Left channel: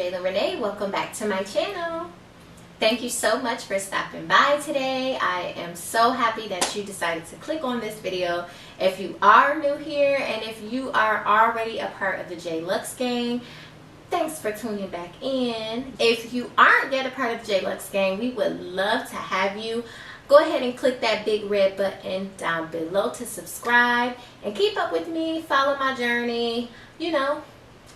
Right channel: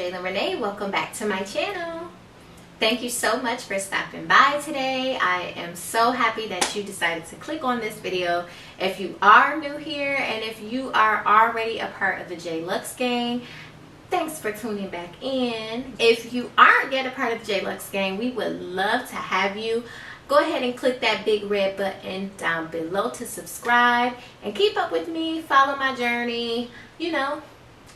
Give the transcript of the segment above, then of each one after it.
Jaylyn Renee. Welcome back to my channel. Thank you so much for stopping by today. I am so happy that you decided to click on this video. If you are new here and if you are already a part of the JLux gang, thanks for tuning back in. If you aren't yet a part of the JLux gang, we would love to have you. Go ahead and click that big red button down below to subscribe and keep up with me, follow my journey, you know,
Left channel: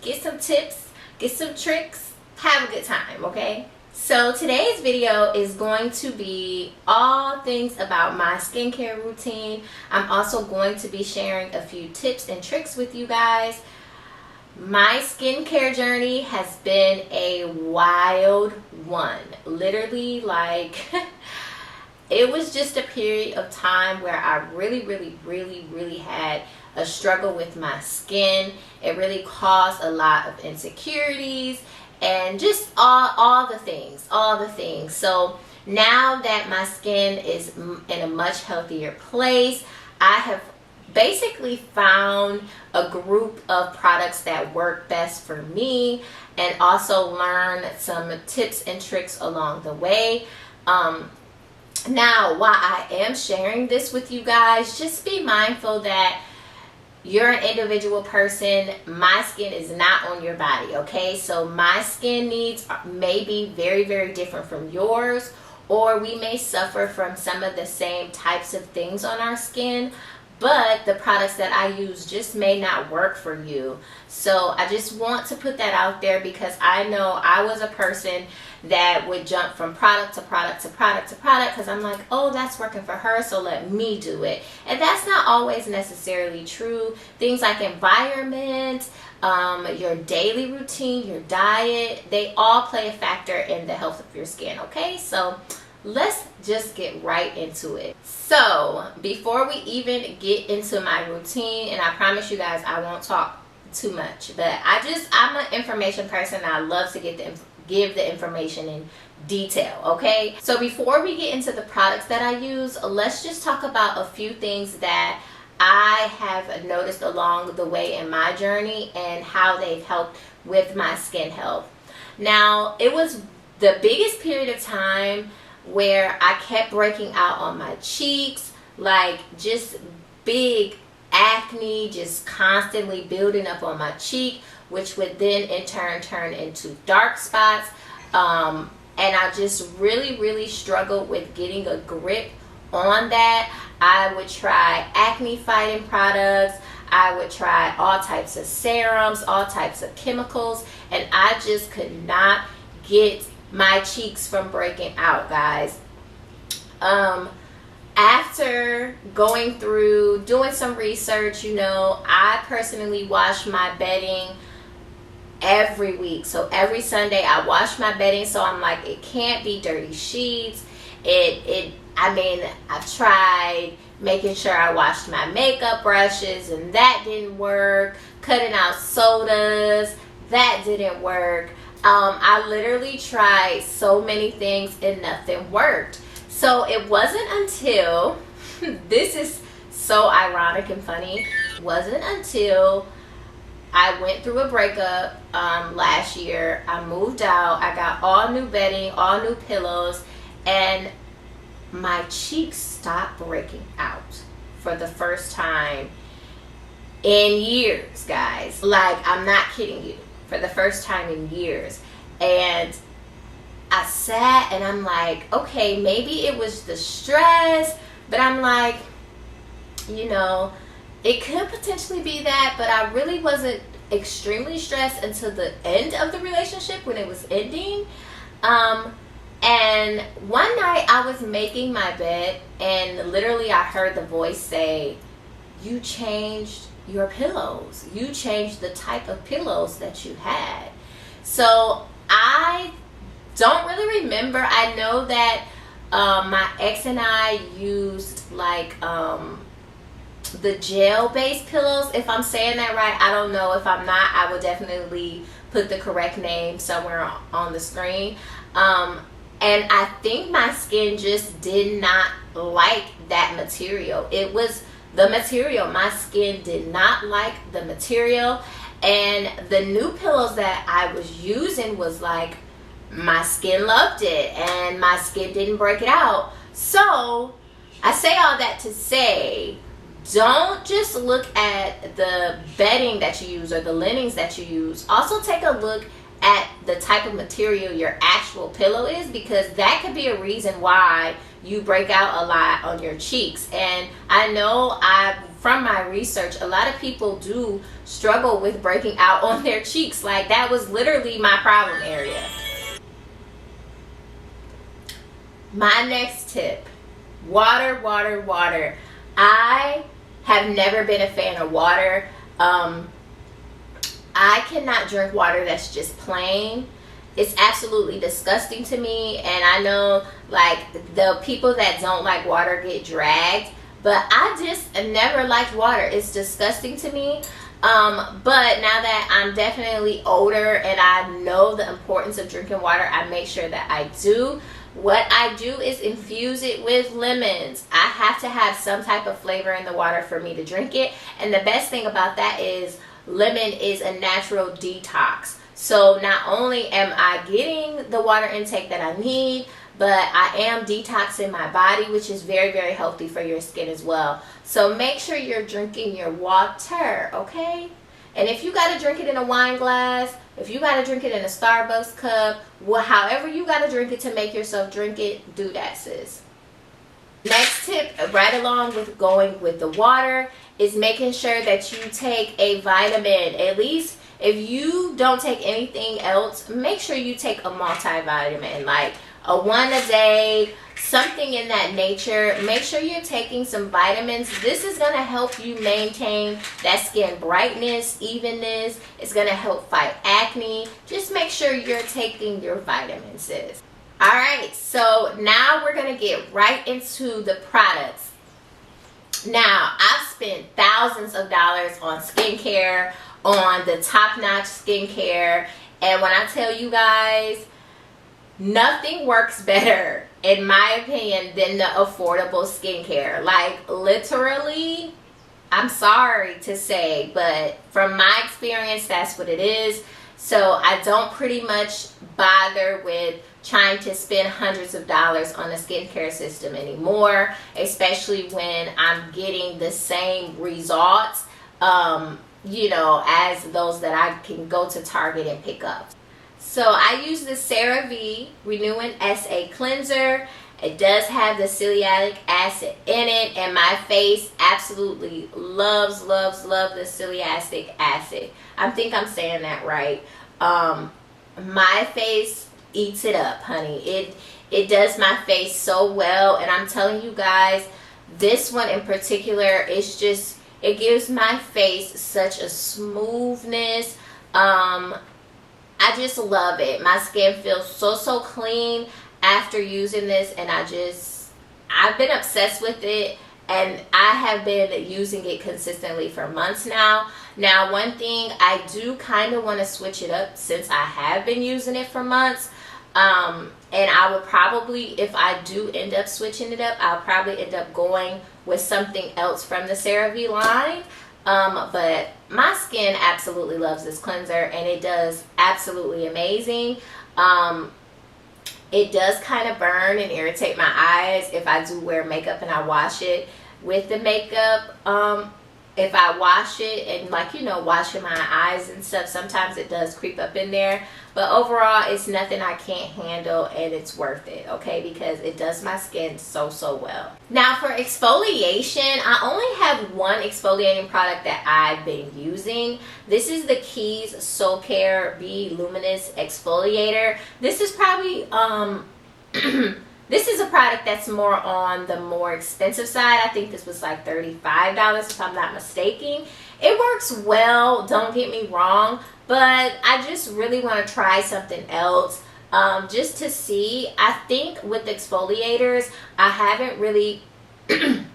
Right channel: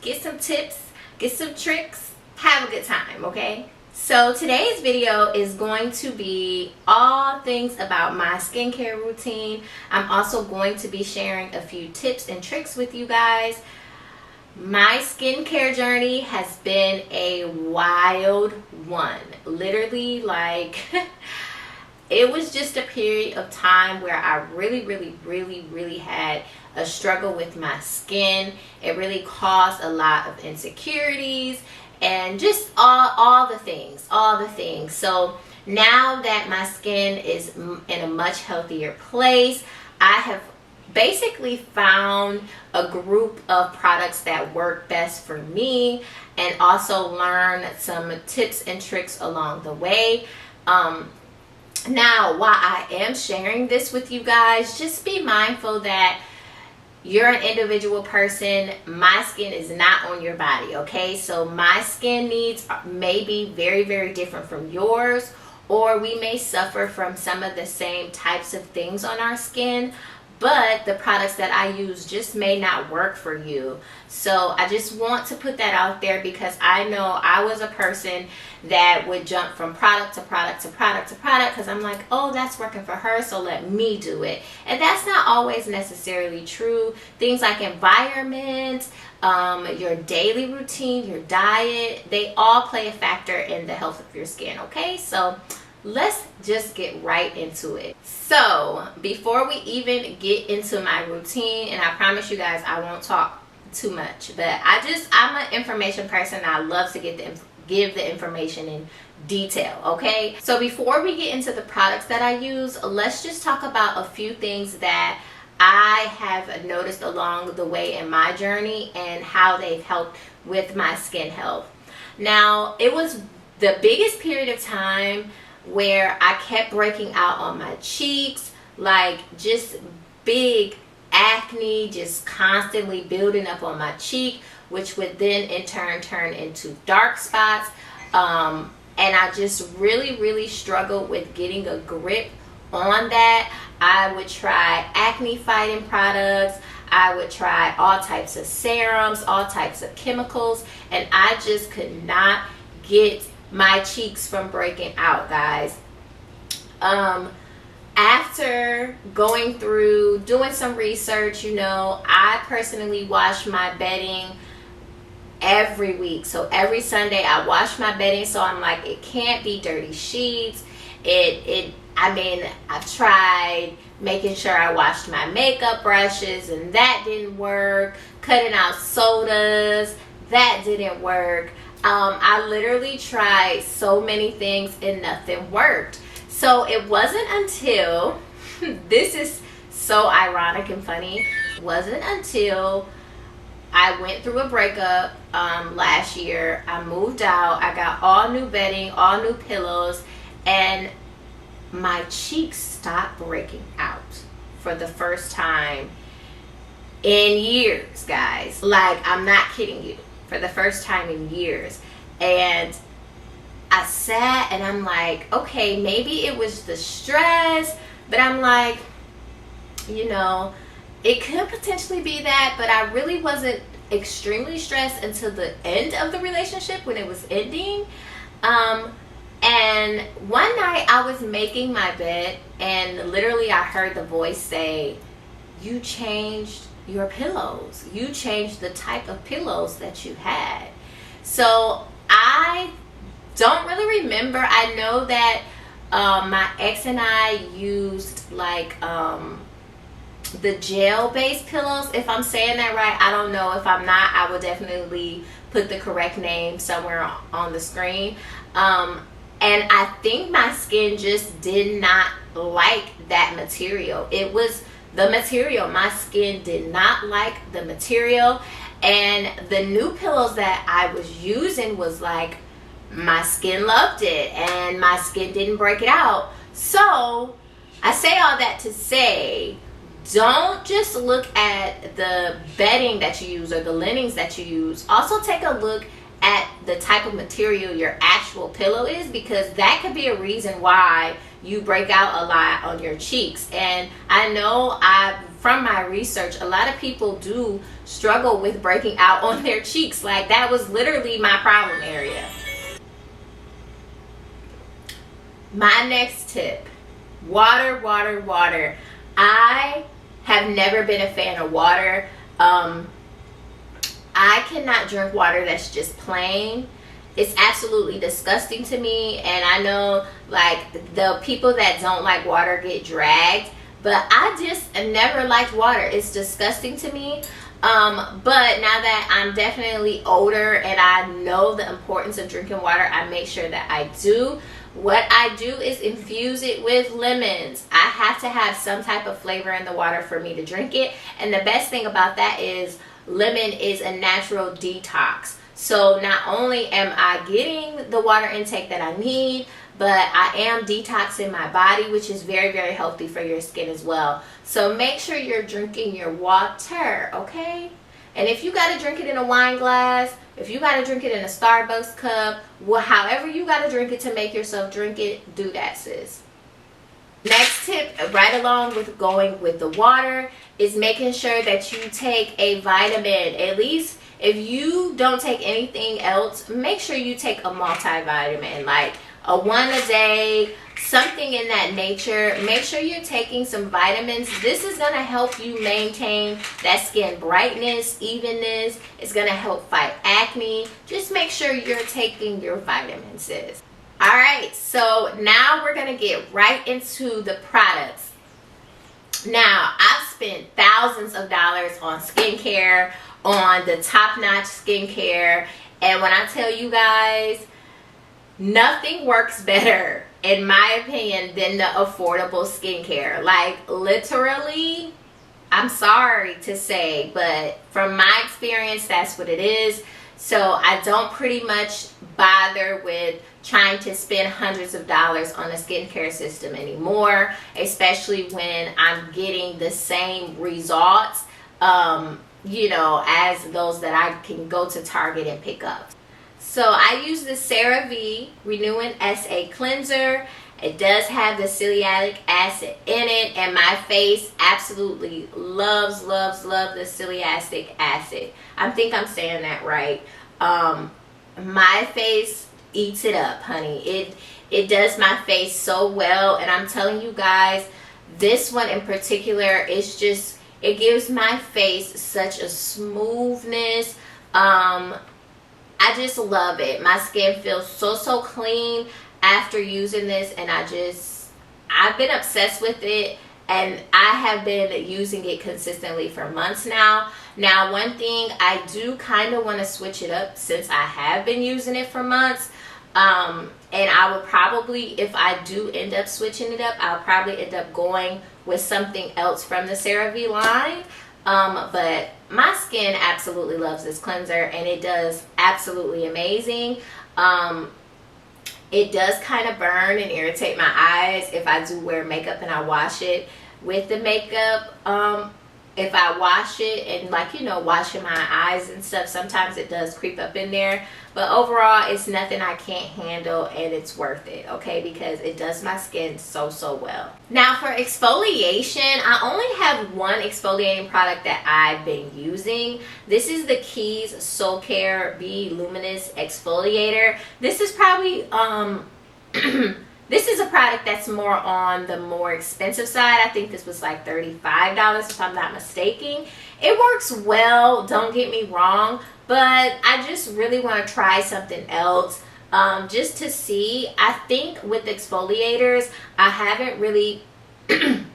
get some tips, get some tricks, have a good time, okay? So today's video is going to be all things about my skincare routine. I'm also going to be sharing a few tips and tricks with you guys. My skincare journey has been a wild one. Literally, like, it was just a period of time where I really had a struggle with my skin. It really caused a lot of insecurities and just all the things. So now that my skin is in a much healthier place, I have basically found a group of products that work best for me and also learn some tips and tricks along the way. Now, while I am sharing this with you guys, just be mindful that you're an individual person. My skin is not on your body, okay? So my skin needs may be very different from yours, or we may suffer from some of the same types of things on our skin, but the products that I use just may not work for you. So I just want to put that out there because I know I was a person that would jump from product to product to product to product because I'm like, oh, that's working for her, so let me do it. And that's not always necessarily true. Things like environment, your daily routine, your diet, they all play a factor in the health of your skin, okay? So let's just get right into it. So before we even get into my routine, and I promise you guys I won't talk too much, but I'm an information person. I love to give the information in detail, okay? So before we get into the products that I use, let's just talk about a few things that I have noticed along the way in my journey and how they've helped with my skin health. Now, it was the biggest period of time where I kept breaking out on my cheeks, like just big acne, just constantly building up on my cheek, which would then in turn turn into dark spots. And I just really struggled with getting a grip on that. I would try acne fighting products. I would try all types of serums, all types of chemicals, and I just could not get my cheeks from breaking out, guys. After going through doing some research, you know, I personally wash my bedding every week. So every Sunday I wash my bedding, so I'm like, it can't be dirty sheets. I mean, I've tried making sure I washed my makeup brushes and that didn't work. Cutting out sodas, that didn't work. I literally tried so many things and nothing worked. So it wasn't until, this is so ironic and funny, it wasn't until I went through a breakup last year. I moved out, I got all new bedding, all new pillows, and my cheeks stopped breaking out for the first time in years, guys. Like, I'm not kidding you. For the first time in years. And I sat and I'm like, okay, maybe it was the stress, but I'm like, you know, it could potentially be that, but I really wasn't extremely stressed until the end of the relationship when it was ending. And one night I was making my bed and literally I heard the voice say, you changed your pillows. You changed the type of pillows that you had. So I don't really remember. I know that my ex and I used like the gel-based pillows, if I'm saying that right. I don't know. If I'm not, I will definitely put the correct name somewhere on the screen. And I think my skin just did not like that material. It was the material. My skin did not like the material, and the new pillows that I was using was like, my skin loved it and my skin didn't break it out. So I say all that to say, don't just look at the bedding that you use or the linens that you use. Also take a look at the type of material your actual pillow is, because that could be a reason why you break out a lot on your cheeks. And I know from my research, a lot of people do struggle with breaking out on their cheeks. Like, that was literally my problem area. My next tip, water, water, water. I have never been a fan of water. I cannot drink water that's just plain. It's absolutely disgusting to me, and I know like the people that don't like water get dragged, but I just never liked water. It's disgusting to me. But now that I'm definitely older and I know the importance of drinking water, I make sure that I do. What I do is infuse it with lemons. I have to have some type of flavor in the water for me to drink it. And the best thing about that is lemon is a natural detox. So not only am I getting the water intake that I need, but I am detoxing my body, which is very, very healthy for your skin as well. So make sure you're drinking your water, okay? And if you got to drink it in a wine glass, if you got to drink it in a Starbucks cup, well, however you got to drink it to make yourself drink it, do that, sis. Next tip, right along with going with the water, is making sure that you take a vitamin. At least if you don't take anything else, make sure you take a multivitamin, like a one a day, something in that nature. Make sure you're taking some vitamins. This is going to help you maintain that skin brightness, evenness. It's going to help fight acne. Just make sure you're taking your vitamins, sis. All right, so now we're going to get right into the products. Now, I've spent thousands of dollars on skincare, on the top-notch skincare, and when I tell you guys, nothing works better, in my opinion, than the affordable skincare. Like, literally, I'm sorry to say, but from my experience, that's what it is. So I don't pretty much bother with trying to spend hundreds of dollars on a skincare system anymore, especially when I'm getting the same results, you know, as those that I can go to Target and pick up. So I use the CERVAE Renewing SA Cleanser. It does have the celiac acid in it, and my face absolutely loves the celiac acid. I think I'm saying that right. My face eats it up, honey. It does my face so well, and I'm telling you guys, this one in particular is just, it gives my face such a smoothness. I just love it. My skin feels so clean after using this, and I've been obsessed with it, and I have been using it consistently for months now. Now, one thing I do kind of want to switch it up, since I have been using it for months, and I will probably, if I do end up switching it up, I'll probably end up going with something else from the CeraVe line. But my skin absolutely loves this cleanser, and it does absolutely amazing. It does kind of burn and irritate my eyes if I do wear makeup and I wash it with the makeup. If I wash it and, like, you know, washing my eyes and stuff, sometimes it does creep up in there. But overall, it's nothing I can't handle, and it's worth it, okay? Because it does my skin so well. Now, for exfoliation, I only have one exfoliating product that I've been using. This is the Keys Soulcare Be Luminous Exfoliator. This is probably, this is a product that's more on the more expensive side. I think this was like $35 if I'm not mistaken. It works well, don't get me wrong, but I just really want to try something else just to see. I think with exfoliators, I haven't really been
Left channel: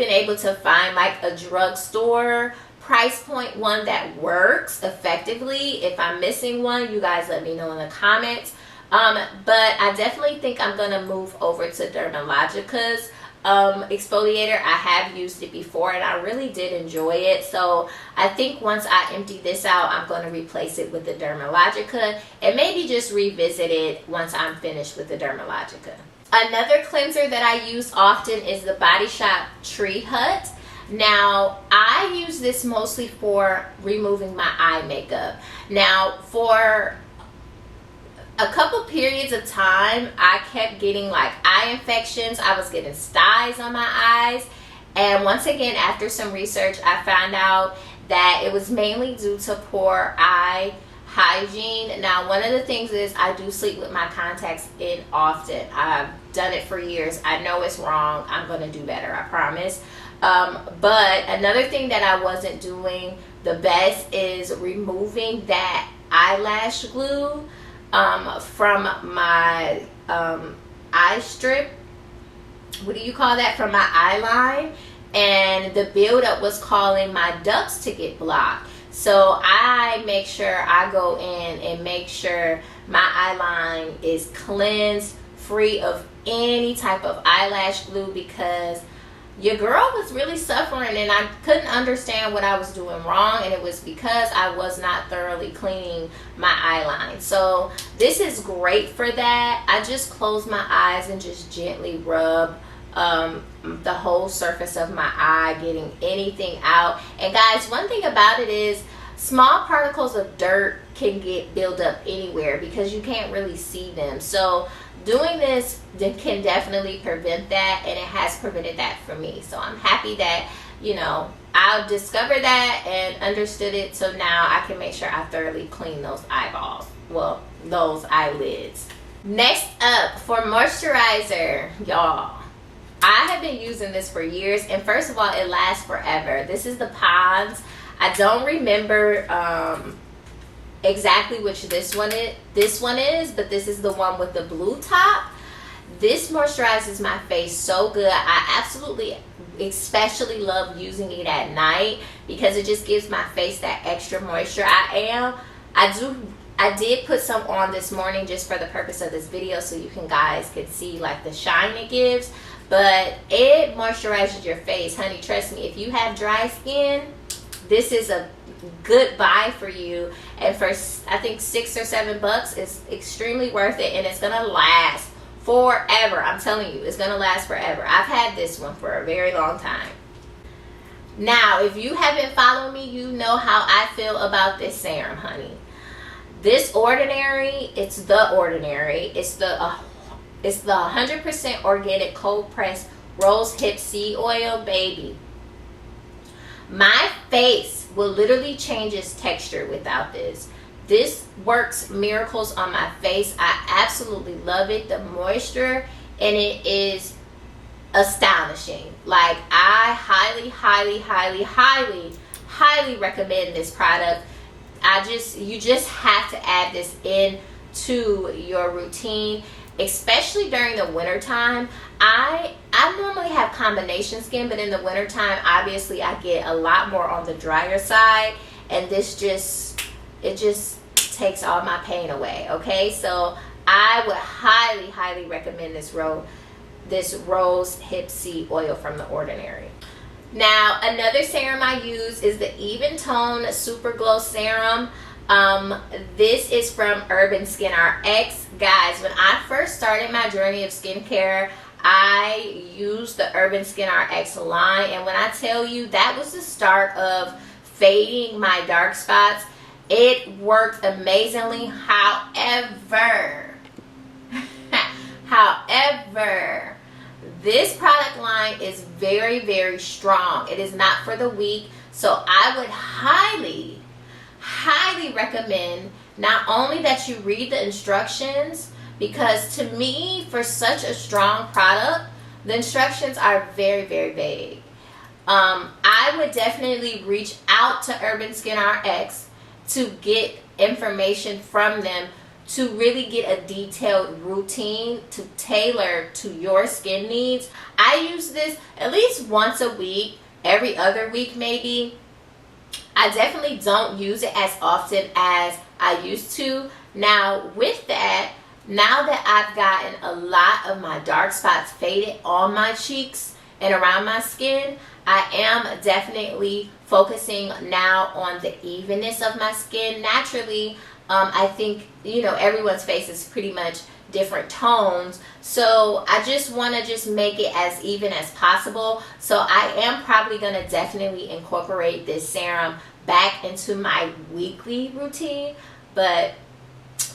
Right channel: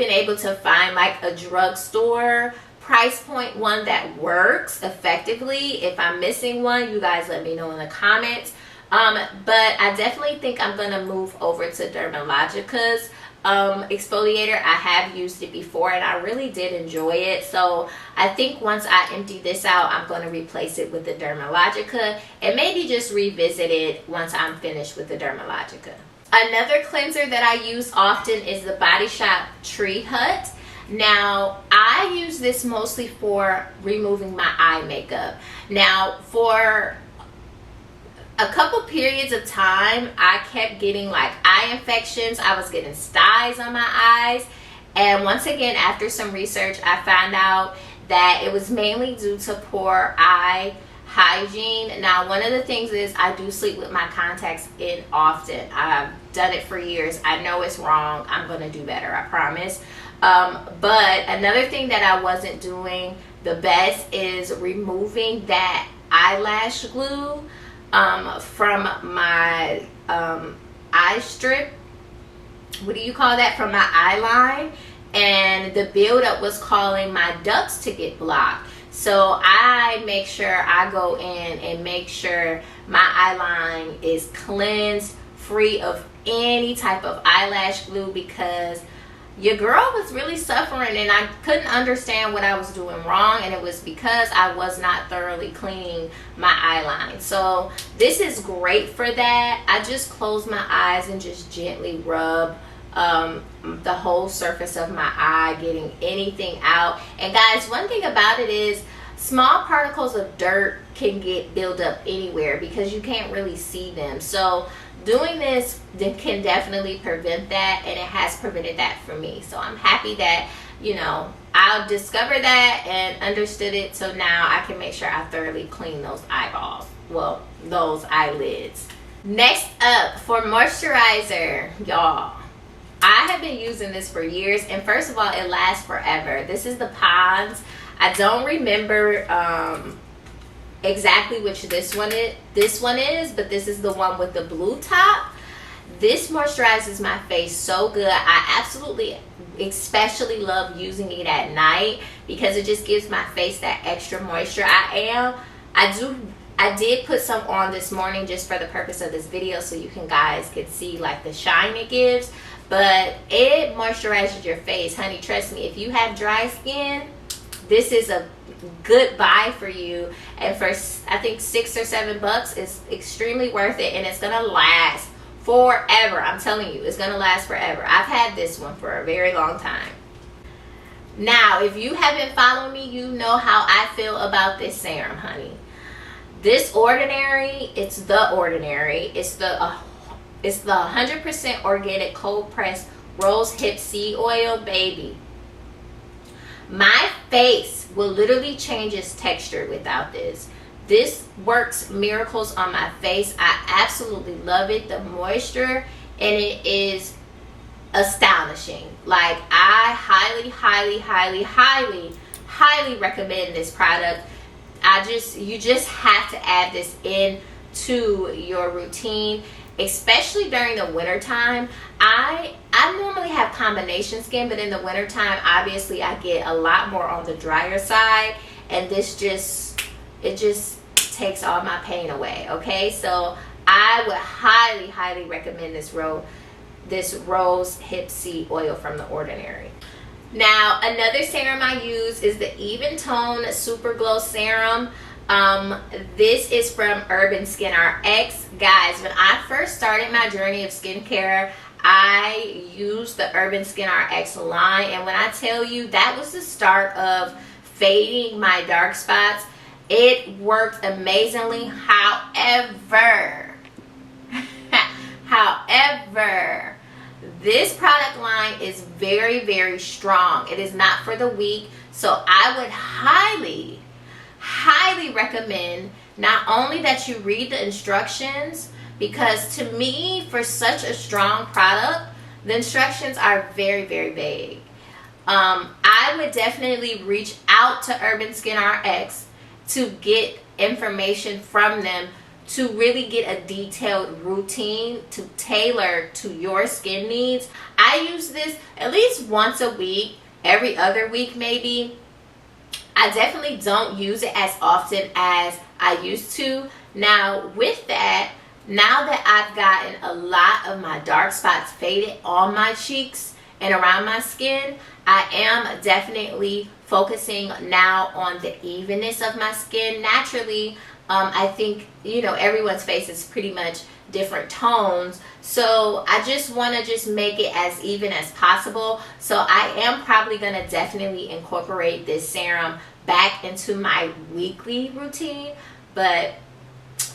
able to find like a drugstore price point one that works effectively. If I'm missing one, you guys let me know in the comments. But I definitely think I'm going to move over to Dermalogica's exfoliator. I have used it before and I really did enjoy it. So I think once I empty this out, I'm going to replace it with the Dermalogica and maybe just revisit it once I'm finished with the Dermalogica. Another cleanser that I use often is the Body Shop Tree Hut. Now, I use this mostly for removing my eye makeup. Now, for a couple periods of time, I kept getting like eye infections. I was getting styes on my eyes. And once again, after some research, I found out that it was mainly due to poor eye hygiene. Now, one of the things is I do sleep with my contacts in often. I've done it for years. I know it's wrong. I'm going to do better, I promise. But another thing that I wasn't doing the best is removing that eyelash glue from my eye strip. What do you call that? From my eye line. And the buildup was causing my ducts to get blocked. So I make sure I go in and make sure my eye line is cleansed, free of any type of eyelash glue, because your girl was really suffering and I couldn't understand what I was doing wrong, and it was because I was not thoroughly cleaning my eye line. So this is great for that. I just close my eyes and just gently rub the whole surface of my eye, getting anything out. And guys, one thing about it is small particles of dirt can get built up anywhere because you can't really see them. So doing this can definitely prevent that, and it has prevented that for me. So I'm happy that, you know, I discovered that and understood it, so now I can make sure I thoroughly clean those eyeballs, well, those eyelids. Next up, for moisturizer, y'all, I have been using this for years, and first of all, it lasts forever. This is the Pond's. I don't remember exactly which this one is, but this is the one with the blue top. This moisturizes my face so good. I absolutely, especially love using it at night because it just gives my face that extra moisture. I did put some on this morning just for the purpose of this video so you guys can see like the shine it gives, but it moisturizes your face, honey. Trust me, if you have dry skin, this is a good buy for you, and for I think $6 or $7 is extremely worth it, and it's gonna last forever. I'm telling you, it's gonna last forever. I've had this one for a very long time. Now, if you haven't followed me, you know how I feel about this serum, honey. This Ordinary, it's the Ordinary. It's the 100% organic cold pressed rose hip seed oil, baby. My face will literally change its texture without this. This works miracles on my face. I absolutely love it. The moisture in it is astonishing. Like, I highly recommend this product. You just have to add this in to your routine, especially during the winter time. I normally have combination skin, but in the winter time, obviously I get a lot more on the drier side, and this just takes all my pain away. Okay, so I would highly recommend this rose hip seed oil from the Ordinary. Now, another serum I use is the Even Tone Super Glow Serum. This is from URBANSKIN RX. Guys, when I first started my journey of skincare, I used the URBANSKIN RX line, and when I tell you, that was the start of fading my dark spots. It worked amazingly. However, this product line is very strong. It is not for the weak, so I would highly recommend not only that you read the instructions, because to me, for such a strong product, the instructions are very vague. I would definitely reach out to URBANSKIN RX to get information from them, to really get a detailed routine to tailor to your skin needs. I use this at least once a week, every other week maybe. I definitely don't use it as often as I used to. Now, with that, Now that I've gotten a lot of my dark spots faded on my cheeks and around my skin, I am definitely focusing now on the evenness of my skin. Naturally, I think, you know, everyone's face is pretty much different tones, so I just want to just make it as even as possible. So I am probably going to definitely incorporate this serum back into my weekly routine, but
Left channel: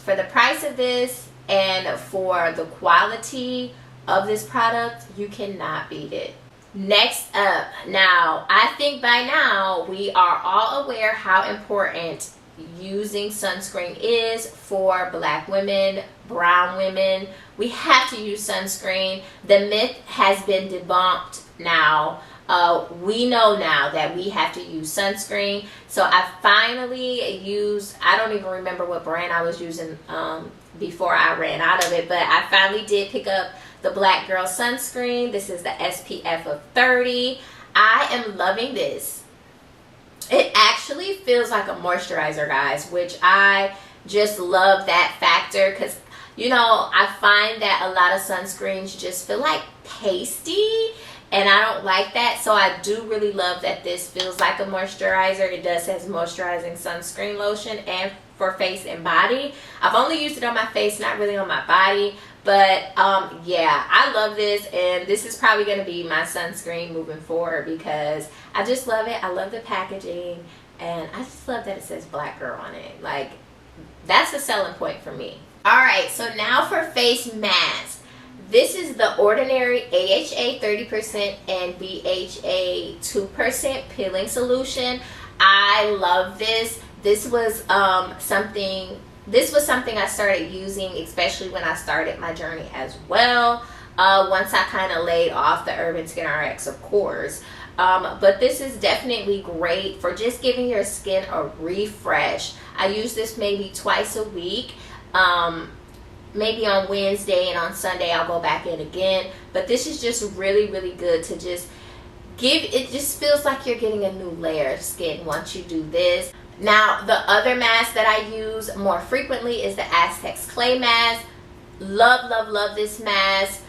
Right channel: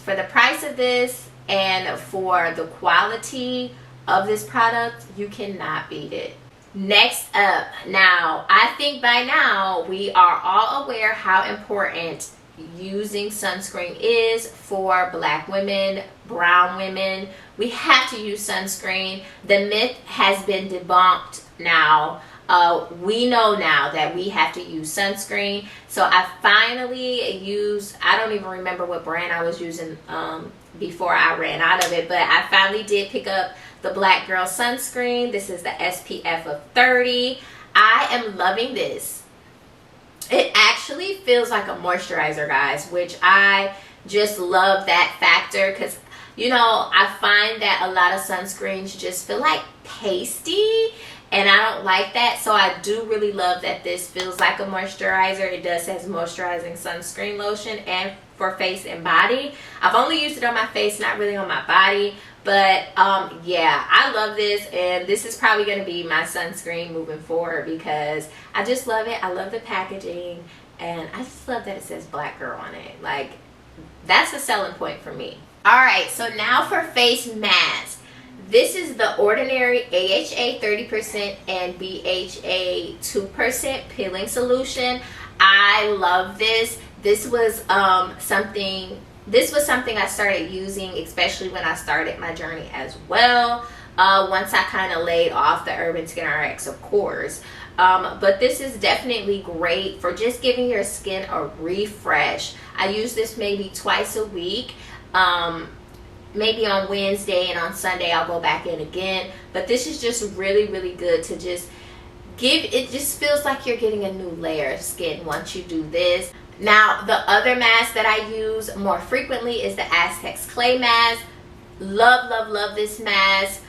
for the price of this and for the quality of this product, you cannot beat it. Next up, now I think by now we are all aware how important using sunscreen is for Black women, brown women. We have to use sunscreen. The myth has been debunked now. We know now that we have to use sunscreen. So I finally used, I don't even remember what brand I was using before I ran out of it, but I finally did pick up the Black Girl sunscreen. This is the SPF of 30. I am loving this. It actually feels like a moisturizer, guys, which I just love that factor, because, you know, I find that a lot of sunscreens just feel like pasty, and I don't like that. So I do really love that this feels like a moisturizer. It does have moisturizing sunscreen lotion and for face and body. I've only used it on my face, not really on my body, but yeah, I love this, and this is probably going to be my sunscreen moving forward because I just love it. I love the packaging, and I just love that it says Black Girl on it. Like, that's a selling point for me. All right, so now for face mask. This is the Ordinary AHA 30% and BHA 2% peeling solution. I love this. This was something I started using, especially when I started my journey as well. Once I kind of laid off the Urban Skin RX, of course. But this is definitely great for just giving your skin a refresh. I use this maybe twice a week. Maybe on Wednesday, and on Sunday I'll go back in again. But this is just really, really good to just give. It just feels like you're getting a new layer of skin once you do this. Now, the other mask that I use more frequently is the Aztec clay mask. Love, love, love this mask.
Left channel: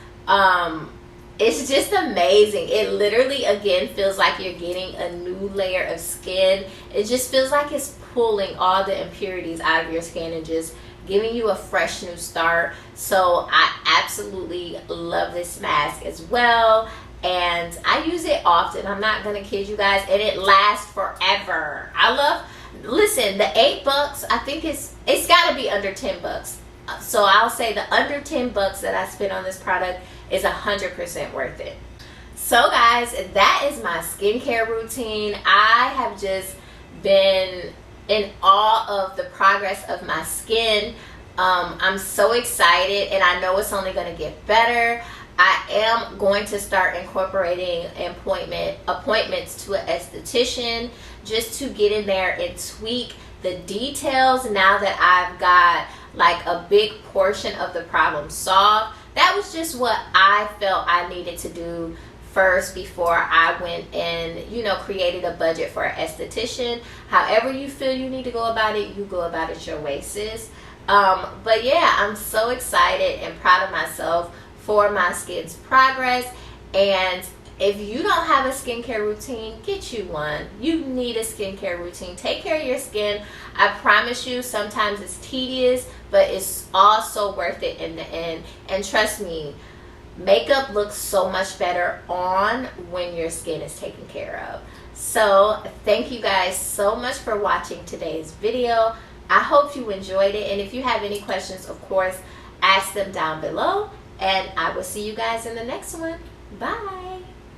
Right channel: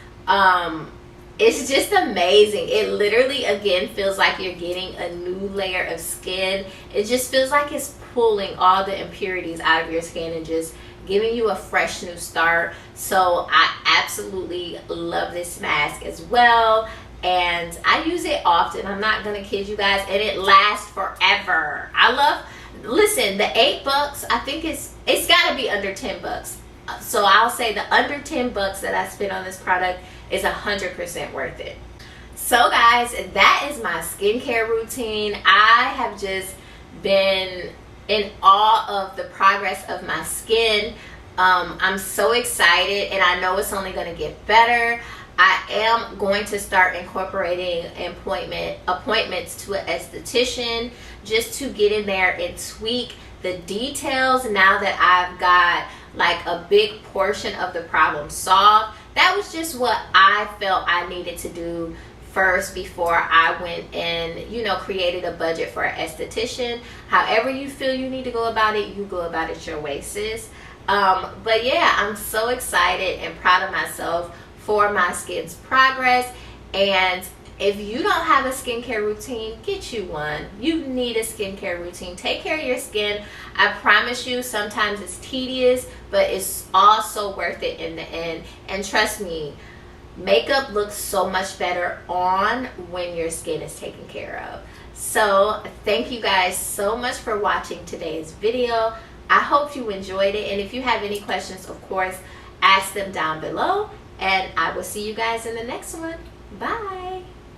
It's just amazing. It literally, again, feels like you're getting a new layer of skin. It just feels like it's pulling all the impurities out of your skin and just giving you a fresh new start. So I absolutely love this mask as well, and I use it often. I'm not gonna kid you guys, and it lasts forever. I love, listen, the $8, I think it's gotta be under $10. So I'll say the under $10 that I spent on this product is 100% worth it. So guys, that is my skincare routine. I have just been in awe of the progress of my skin. I'm so excited, and I know it's only going to get better. I am going to start incorporating appointments to an esthetician just to get in there and tweak the details now that I've got like a big portion of the problem solved. That was just what I felt I needed to do first before I went and, you know, created a budget for an esthetician. However you feel you need to go about it, you go about it your way, sis. But yeah, I'm so excited and proud of myself for my skin's progress. And if you don't have a skincare routine, get you one. You need a skincare routine. Take care of your skin. I promise you, sometimes it's tedious, but it's also worth it in the end. And trust me, makeup looks so much better on when your skin is taken care of. So thank you guys so much for watching today's video. I hope you enjoyed it, and if you have any questions, of course, ask them down below, and I will see you guys in the next one. Bye.